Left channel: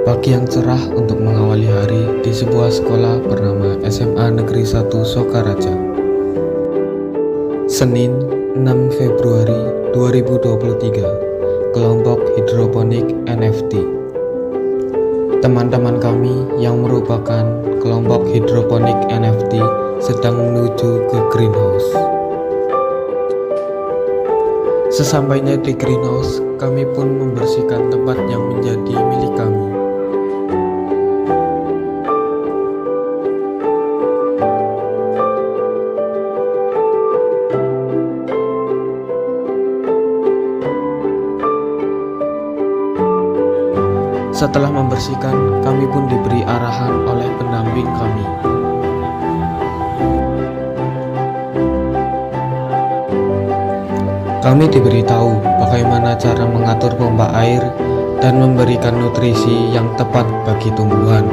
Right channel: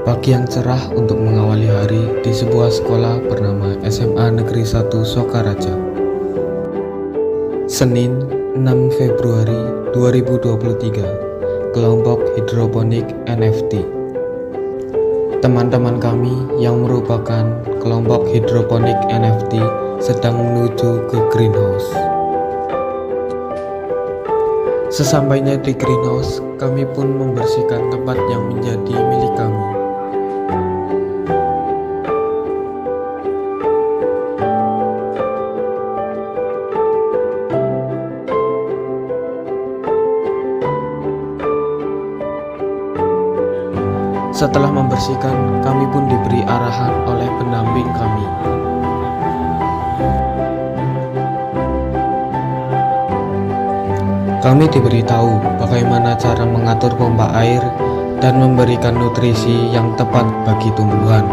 Pagi yang cerah untuk mengawali hari di sebuah sekolah bernama SMA Negeri 1 Sokaraja. Senin 6 Februari 2023, kelompok hidroponik NFT. Teman-teman kami yang merupakan kelompok hidroponik NFT sedang menuju ke greenhouse. Sesampainya di greenhouse, kami pun membersihkan tempat yang menjadi milik kami. Setelah membersihkan, kami pun diberi arahan oleh pendamping kami. Kami diberitahu bagaimana cara mengatur pompa air dan memberikan nutrisi yang tepat bagi tumbuhan.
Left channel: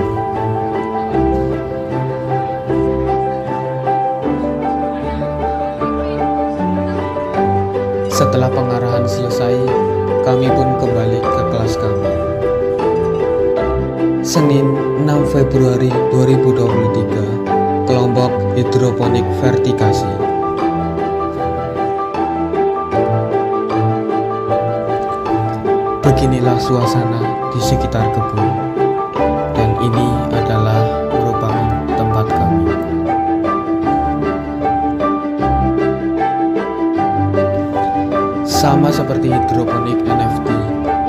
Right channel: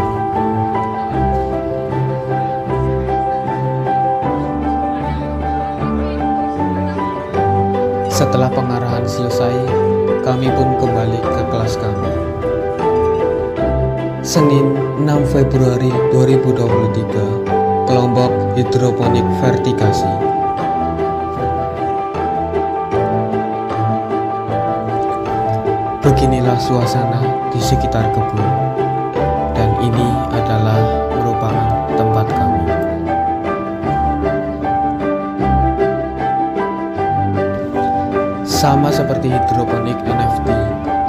Setelah pengarahan selesai, kami pun kembali ke kelas kami. Senin 6 Februari 2023, kelompok hidroponik vertikasi. Beginilah suasana di sekitar kebun, dan ini adalah merupakan tempat kami. Sama seperti hidroponik NFT,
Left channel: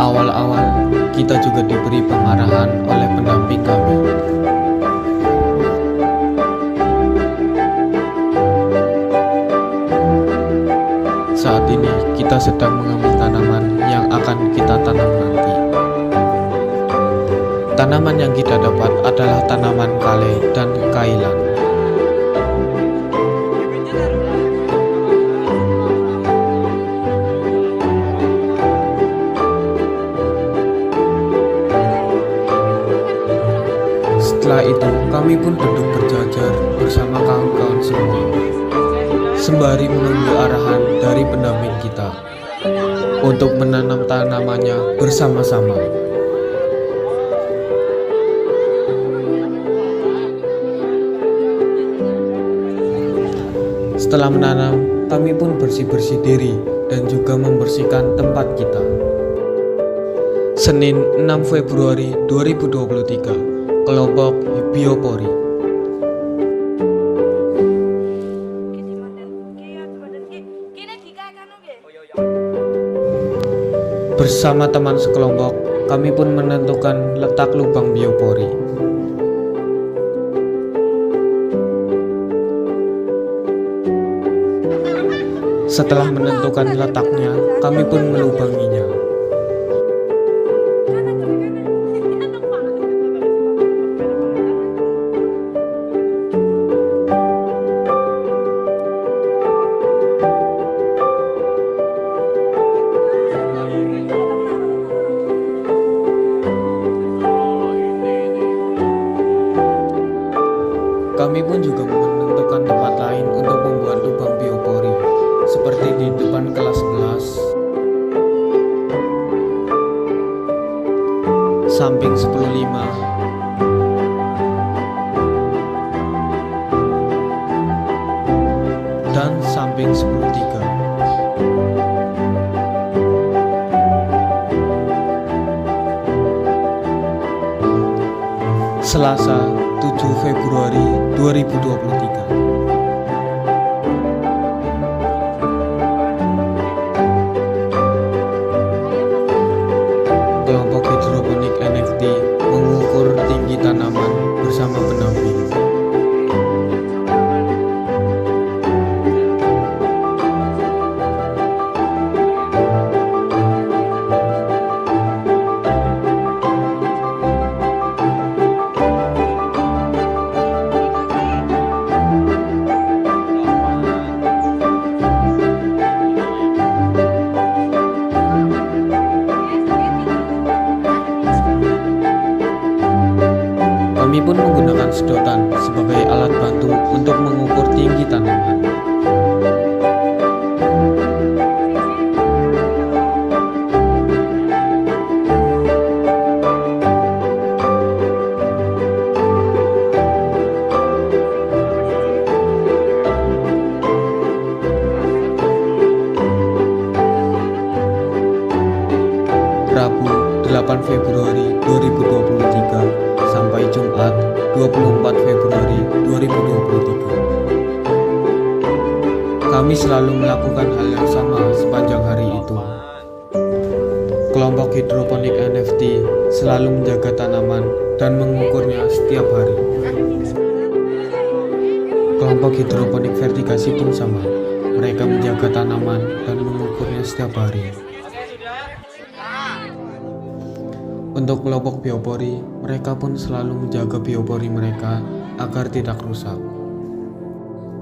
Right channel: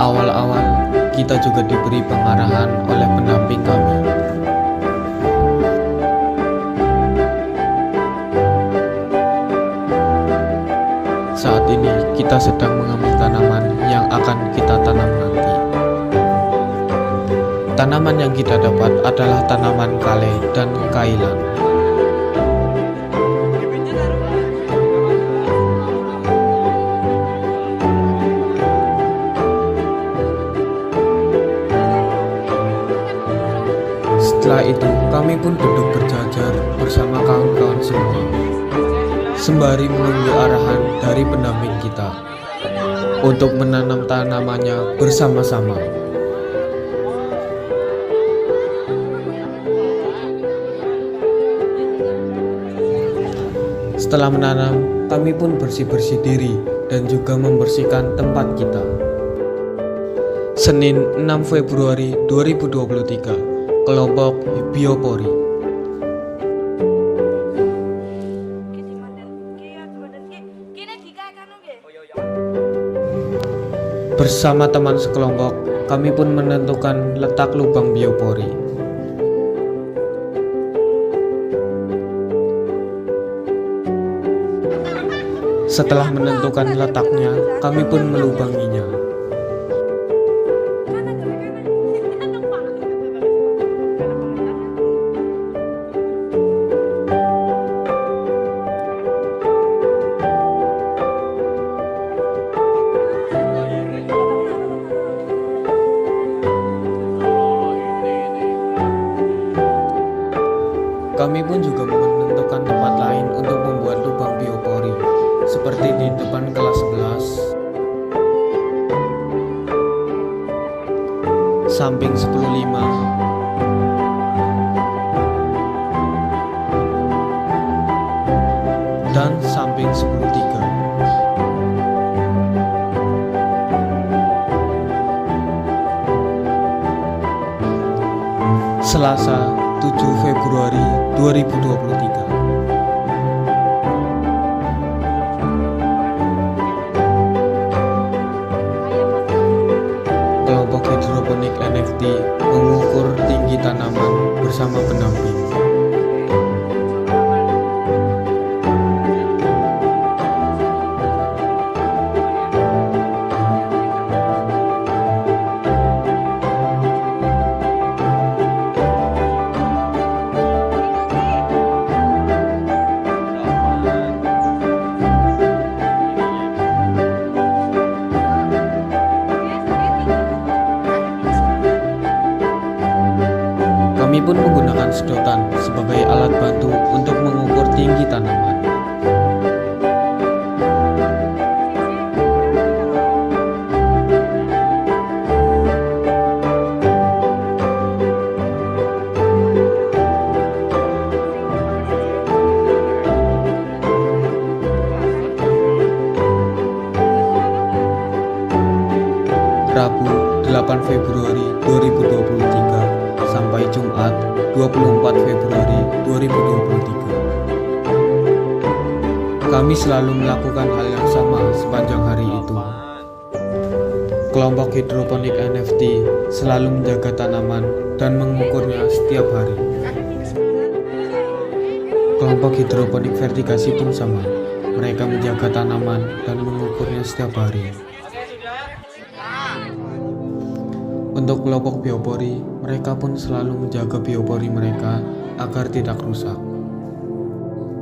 awal-awal kita juga diberi pengarahan oleh pendamping kami. Saat ini kita sedang mengambil tanaman yang akan kita tanam nanti. Tanaman yang kita dapat adalah tanaman kale dan kailan. Setelah itu, kami pun duduk berjajar bersama kawan-kawan semua, sembari menunggu arahan dari pendamping kita untuk menanam tanamannya bersama-sama. Setelah menanam, kami pun bersih-bersih diri dan juga membersihkan tempat kita. Senin 6 Februari 2023, kelompok biopori. Bersama teman sekelompok, kami pun menentukan letak lubang biopori. Setelah menentukan letaknya, kami pun melubanginya. Kami pun juga menentukan tempat lain untuk membuat lubang biopori, seperti di depan kelas 11, samping 10.5, dan samping 10.3. Selasa 7 Februari 2023. Kelompok hidroponik NFT mengukur tinggi tanaman bersama pendamping. Kami pun menggunakan sedotan sebagai alat bantu untuk mengukur tinggi tanaman. Rabu 8 Februari 2023 sampai Jumat 24 Februari 2023. Kami selalu melakukan hal yang sama sepanjang hari itu. Kelompok hidroponik NFT selalu menjaga tanaman dan mengukurnya setiap hari. Kelompok hidroponik vertikasi pun sama. Mereka menjaga tanaman dan mengukurnya setiap hari. Untuk kelompok biopori, mereka pun selalu menjaga biopori mereka agar tidak rusak.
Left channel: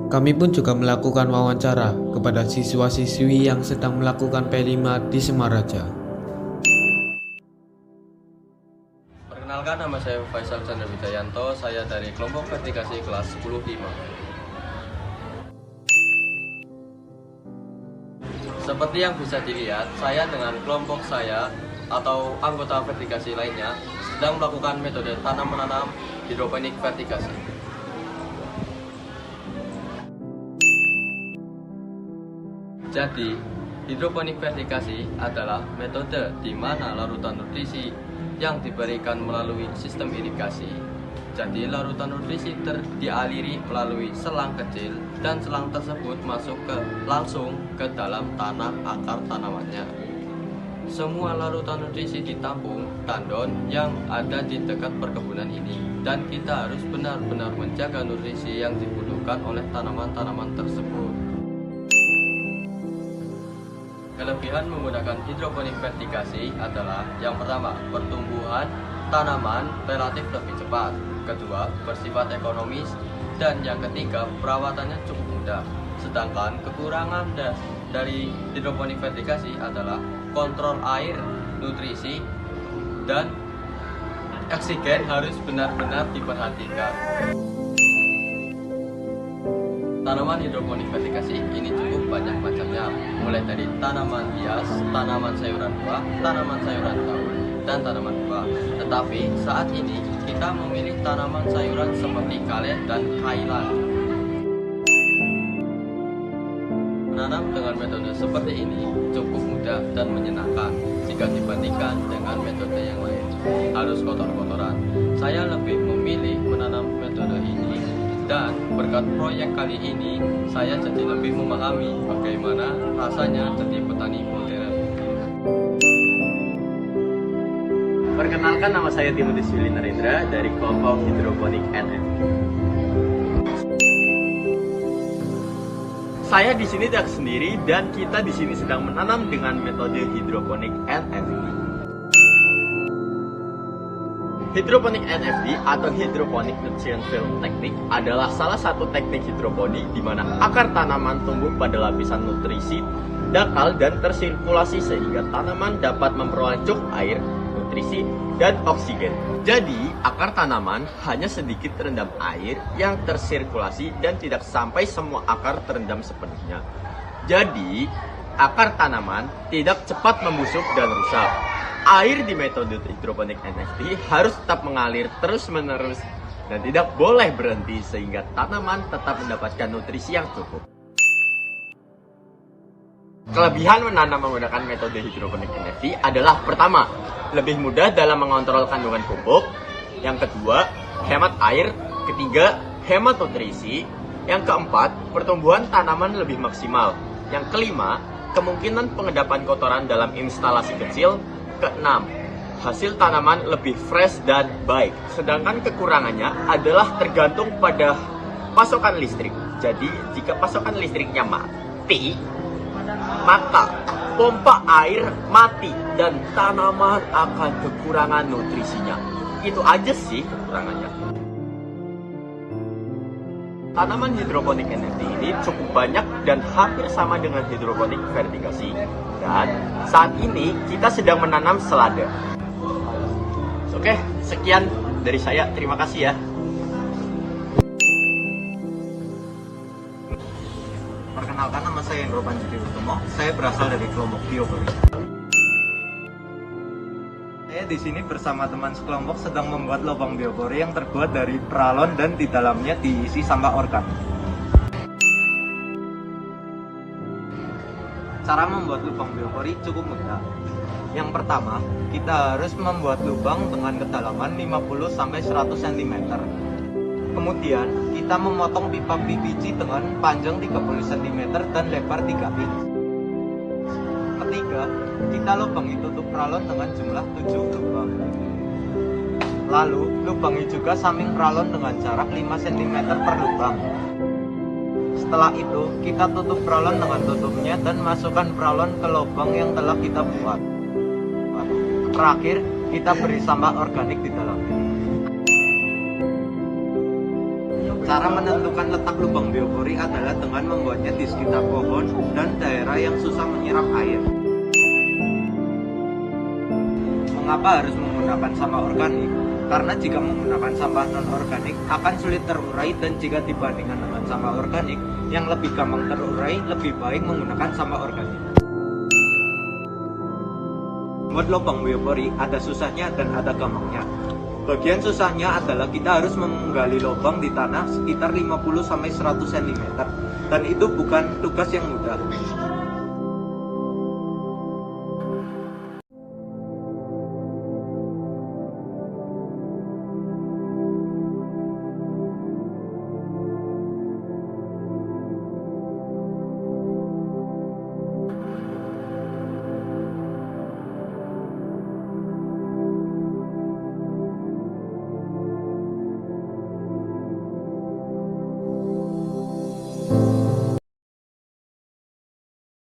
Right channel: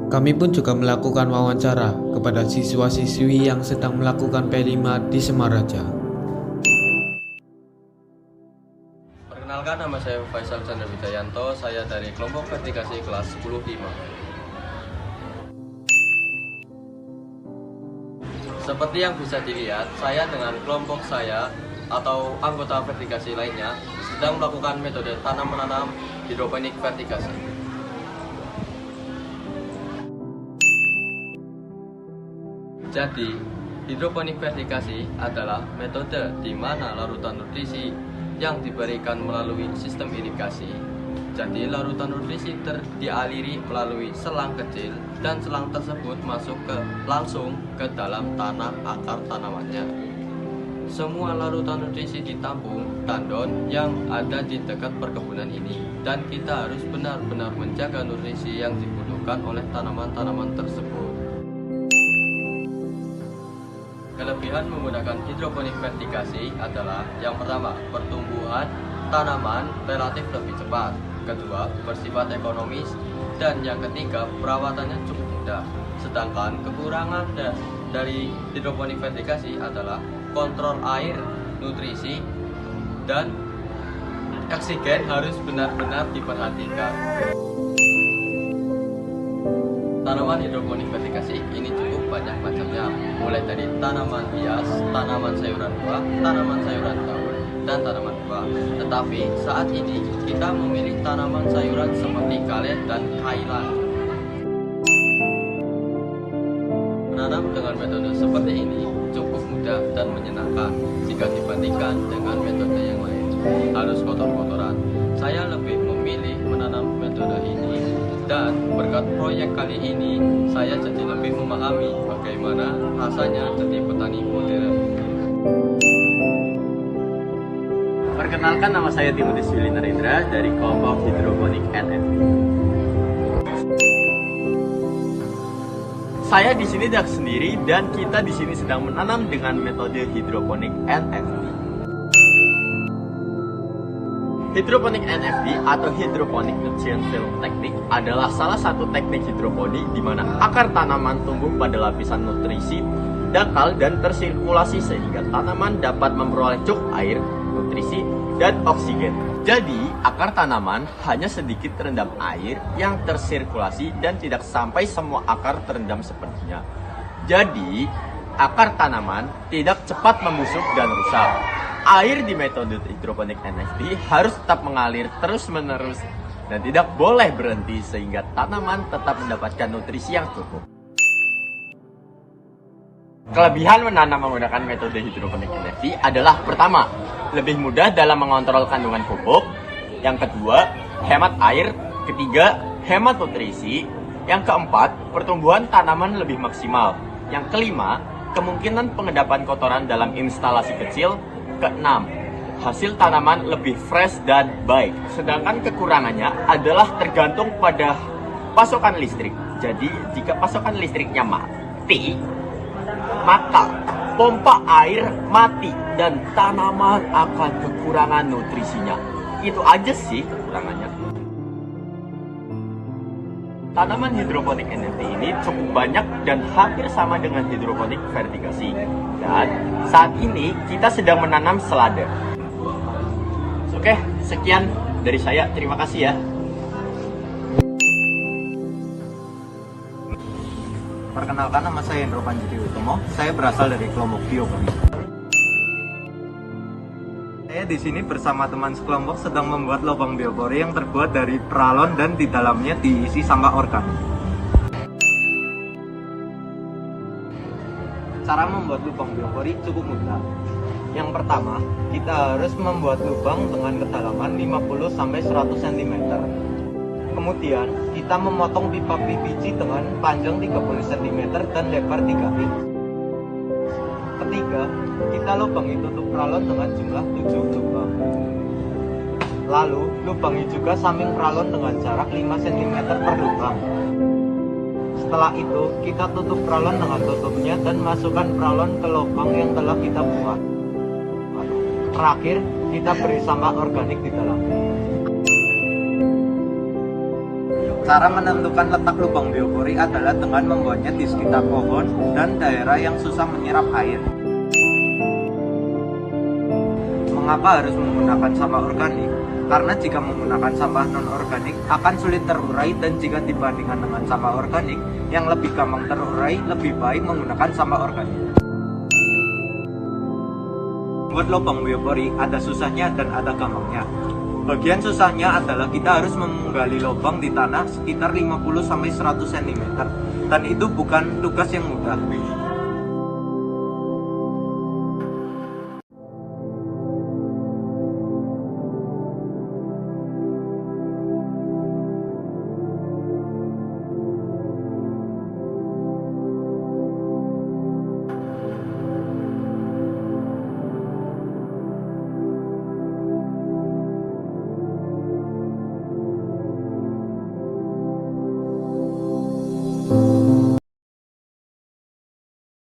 Kami pun juga melakukan wawancara kepada siswa-siswi yang sedang melakukan P5 di Semaraja. Perkenalkan, nama saya Faisal Chandra Wijayanto, saya dari kelompok vertikasi kelas 10 IMA. Seperti yang bisa dilihat, saya dengan kelompok saya atau anggota vertikasi lainnya sedang melakukan metode tanam menanam hidroponik vertikasi. Jadi, hidroponik vertikasi adalah metode di mana larutan nutrisi yang diberikan melalui sistem irigasi. Jadi, larutan nutrisi dialiri melalui selang kecil dan selang tersebut masuk langsung ke dalam tanah akar tanamannya. Semua larutan nutrisi ditampung tandon yang ada di dekat perkebunan ini, dan kita harus benar-benar menjaga nutrisi yang dibutuhkan oleh tanaman-tanaman tersebut. Kelebihan menggunakan hidroponik vertikasi adalah yang pertama, pertumbuhan tanaman relatif lebih cepat. Kedua, bersifat ekonomis. Dan yang ketiga, perawatannya cukup mudah. Sedangkan kekurangan dari hidroponik vertikasi adalah kontrol air, nutrisi, dan oksigen harus benar-benar diperhatikan. Tanaman hidroponik vertikasi ini cukup banyak macamnya, mulai dari tanaman hias, tanaman sayuran buah, tanaman sayuran daun, dan tanaman buah. Tetapi saat ini kita memilih tanaman sayuran seperti kalet dan kailan. Menanam dengan metode seperti ini cukup mudah dan menyenangkan jika dibandingkan dengan metode yang lain. Harus kotor-kotoran. Saya lebih memilih menanam metode ini, dan berkat proyek kali ini saya jadi lebih memahami bagaimana rasanya jadi petani modern. Perkenalkan, nama saya Timotius Yuli Narendra dari kelompok hidroponik NFT. Saya di sini tidak sendiri, dan kita di sini sedang menanam dengan metode hidroponik NFT. Hidroponik NFT atau hidroponik nutrient film technique adalah salah satu teknik hidroponik di mana akar tanaman tumbuh pada lapisan nutrisi dangkal dan tersirkulasi sehingga tanaman dapat memperoleh cukup air, nutrisi, dan oksigen. Jadi, akar tanaman hanya sedikit terendam air yang tersirkulasi dan tidak sampai semua akar terendam sepenuhnya. Jadi, akar tanaman tidak cepat membusuk dan rusak. Air di metode hidroponik NFT harus tetap mengalir terus-menerus dan tidak boleh berhenti sehingga tanaman tetap mendapatkan nutrisi yang cukup. Kelebihan menanam menggunakan metode hidroponik NFT adalah pertama, lebih mudah dalam mengontrol kandungan pupuk. Yang kedua, hemat air. Ketiga, hemat nutrisi. Yang keempat, pertumbuhan tanaman lebih maksimal. Yang kelima, kemungkinan pengendapan kotoran dalam instalasi kecil. Keenam, hasil tanaman lebih fresh dan baik. Sedangkan kekurangannya adalah tergantung pada pasokan listrik. Jadi, jika pasokan listriknya mati, maka pompa air mati dan tanaman akan kekurangan nutrisinya. Itu aja sih kekurangannya. Tanaman hidroponik NFT ini cukup banyak dan hampir sama dengan hidroponik vertikasi. Dan saat ini kita sedang menanam selada. Oke, sekian dari saya. Terima kasih ya. Perkenalkan, nama saya Indro Panjiri Utomo. Saya berasal dari kelompok biopori. Saya di sini bersama teman sekelompok sedang membuat lubang biopori yang terbuat dari peralon dan di dalamnya diisi sampah organik. Cara membuat lubang biopori cukup mudah. Yang pertama, kita harus membuat lubang dengan kedalaman 50-100 cm. Kemudian, kita memotong pipa PVC dengan panjang 30 cm dan lebar 3 inch. Ketiga, kita lubangi tutup pralon dengan jumlah 7 lubang. Lalu, lubangi juga samping pralon dengan jarak 5 cm per lubang. Setelah itu, kita tutup pralon dengan tutupnya dan masukkan pralon ke lubang yang telah kita buat. Terakhir, kita beri sampah organik di dalamnya. Cara menentukan letak lubang biopori adalah dengan membuatnya di sekitar pohon dan daerah yang susah menyerap air. Mengapa harus menggunakan sampah organik? Karena jika menggunakan sampah non-organik akan sulit terurai, dan jika dibandingkan dengan sampah organik yang lebih gampang terurai, lebih baik menggunakan sampah organik. Buat lubang biopori ada susahnya dan ada gampangnya. Bagian susahnya adalah kita harus menggali lubang di tanah sekitar 50-100 cm, dan itu bukan tugas yang mudah.